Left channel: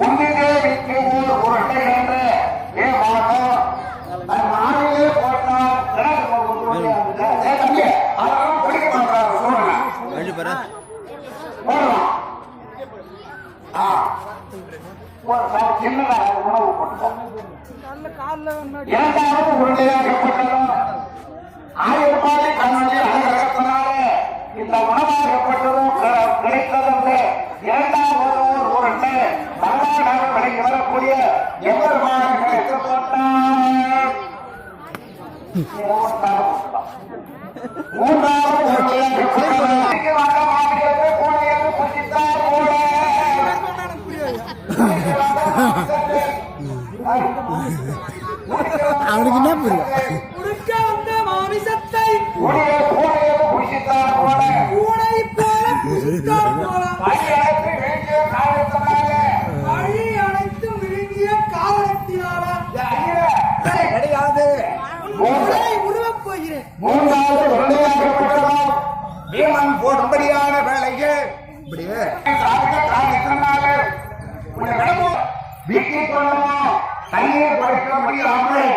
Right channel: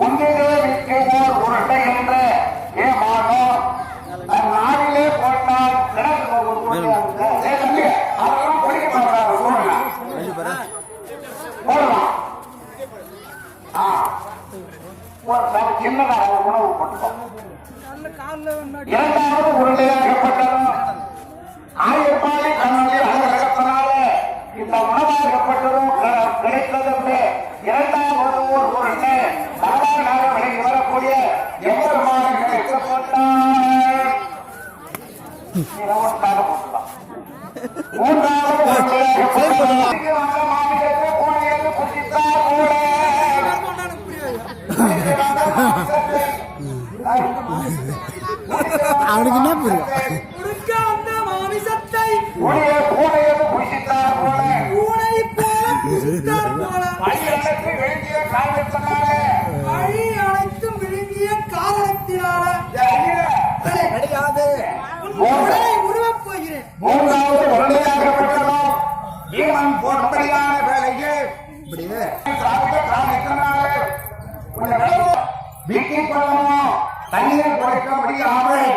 ஒன்றிலே விற்கும் உருட்டை என்ற மாதம் நாளிலே போட்டால் சின்னதாக உணவு போட்டோம். இரண்டாவது உருளையாகப்பட்டதும் ஆயிரப்பாடி கண்ணொலி அழகத்தினாலே இந்த உணவாகப்பட்டதும் கிடைத்தது. இரண்டாவது உருளை சாதாரண வரக்கூடிய எவ்வளவு மூன்றாவது அவனுக்கு என்ன புரியும்? மாமிசத்தை பூனையது புசித்தார் போல பூனை போல வழி அனைத்தும் விழுங்கிய காரணத்தினால கிடையாது உருவப் போகிறேன். மூன்றாவது உருளையாகப்பட்டதும் பீமன் போடும்படியான வேலையில் வீட்டில் கொள்ளணும் தண்ணீர் கொடுக்க முடியாமல்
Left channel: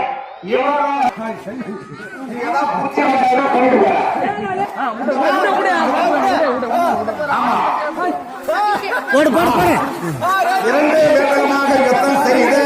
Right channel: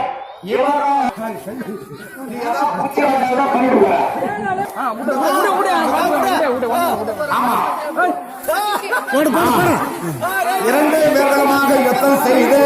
செய்து